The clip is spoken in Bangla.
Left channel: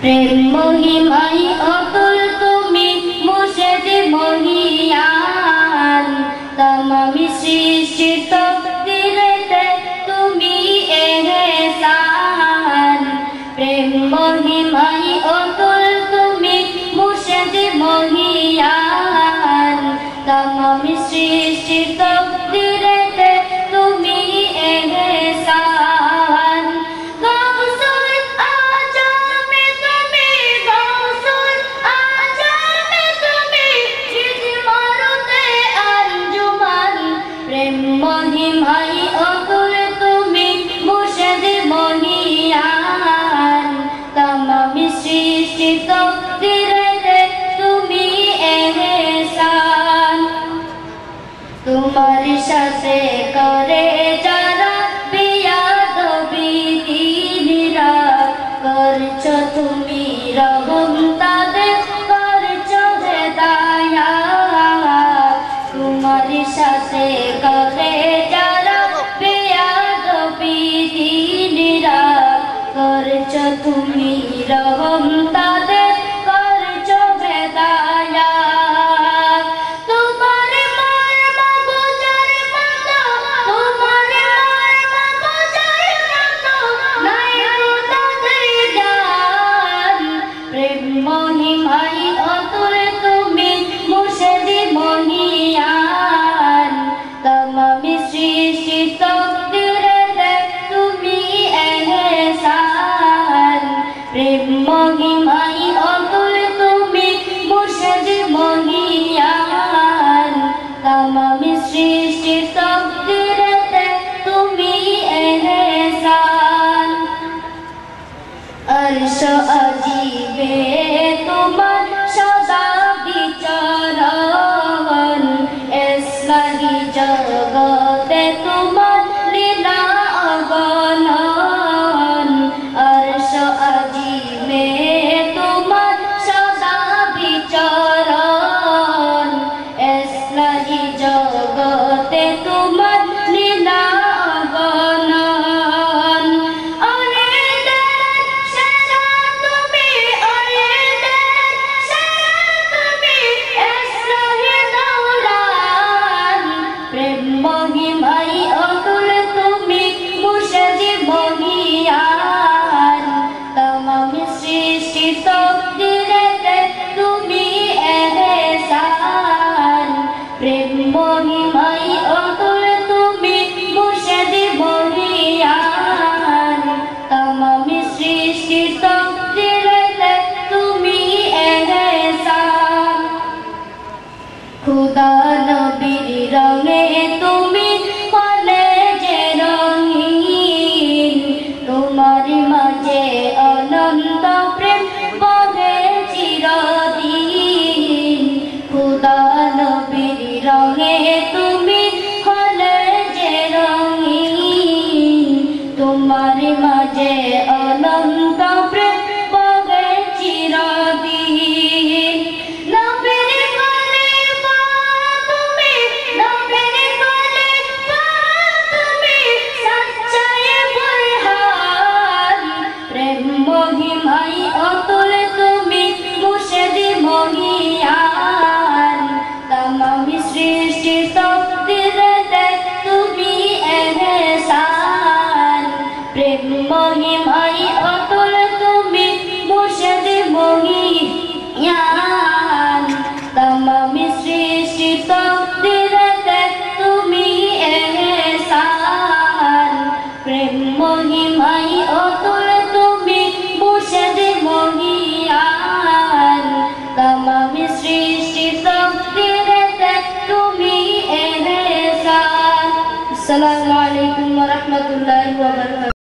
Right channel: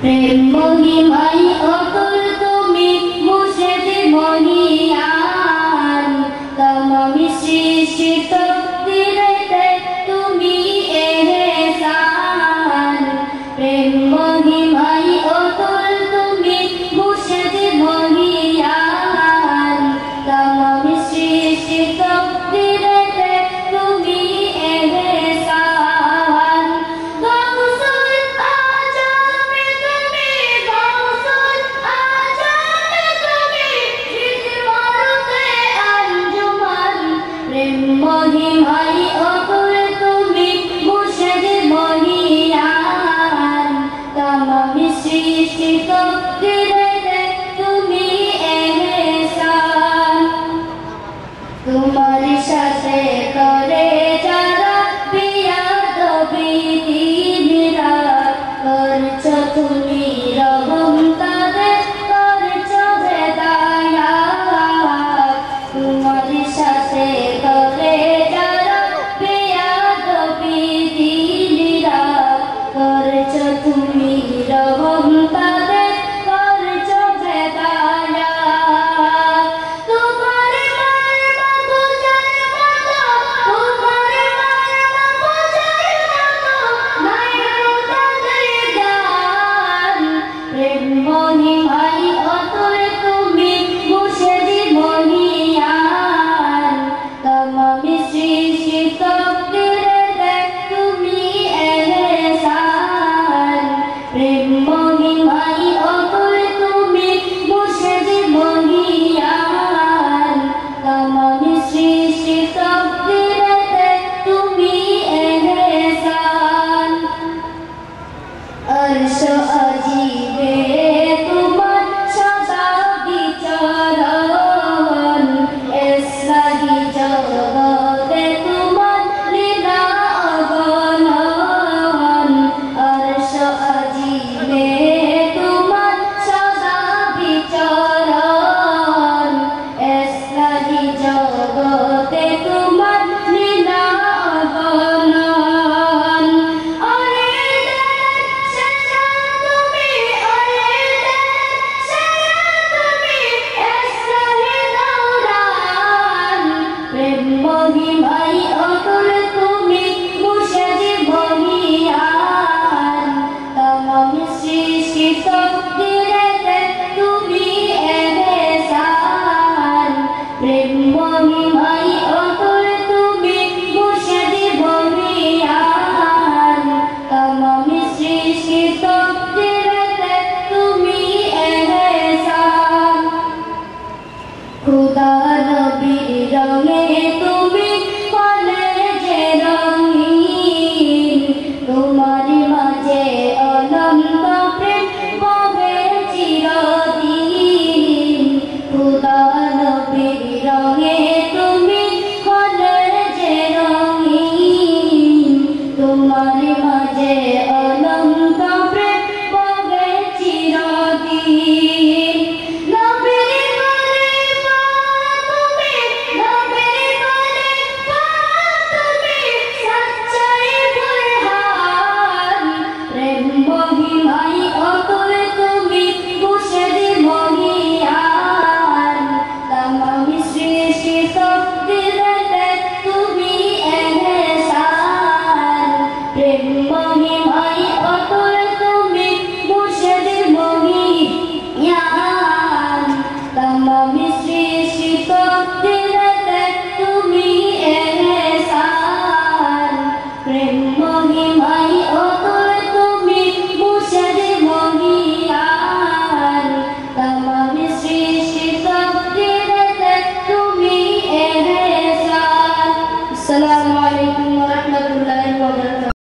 প্রেম মহিমাই অতুল তুমি মুর্শিদ মহিয়ান তমামি সৃষ্টি তকদিরেতে তুমি এহসান প্রেম মহিমাই অতুল তুমি মুর্শিদ মহিয়ান তমামি সৃষ্টি তকদিরেতে তুমি এহসান গাউসুল আজমে তুমি গাউসুল আজমে তুমি জিদমারুতে আঞ্জুমান প্রেম মহিমাই অতুল তুমি মুর্শিদ মহিয়ান তমামি সৃষ্টি তকদিরেতে তুমি এহসান তোমার সাথে করে যারা বিয়াদবি দিনরা করছো তুমি রহম তাদের করছো হেদায়াত তোমার সাথে করে যারা বিয়াদবি দিনরা করছো তুমি রহম তাদের করছো হেদায়াত তোমার মর্ম বোঝার মতো তোমার মর্ম বোঝার মতো নাই তাদের জ্ঞান প্রেম মহিমাই অতুল তুমি মুর্শিদ মহিয়ান তমামি সৃষ্টি তকদিরেতে তুমি এহসান প্রেম মহিমাই অতুল তুমি মুর্শিদ মহিয়ান তমামি সৃষ্টি তকদিরেতে তুমি এহসান अर्श अजीबे तुमान सदा विचरण एस्लाही जगते तुमान लीला अगणन अर्श अजीबे तुमान सदा विचरण एस्लाही जगते तुमान लीला अगणन প্রেম মহিমাই অতুল তুমি মুর্শিদ মহিয়ান তমামি সৃষ্টি তকদিরেতে তুমি এহসান প্রেম মহিমাই অতুল তুমি মুর্শিদ মহিয়ান তমামি সৃষ্টি তকদিরেতে তুমি এহসান খুদা নবীর রঙে তুমি কলেজে রঙিন তোমার মাঝে অনন্ত প্রেম বহে চিরদিন খুদা নবীর রঙে তুমি কলেজে রঙিন তোমার মাঝে অনন্ত প্রেম বহে চিরদিন নবীর গলে পাওয়া তুমি নবীর গলে পাওয়া তুমি সচ্চাই বলহান প্রেম মহিমাই অতুল তুমি মুর্শিদ মহিয়ান তমামি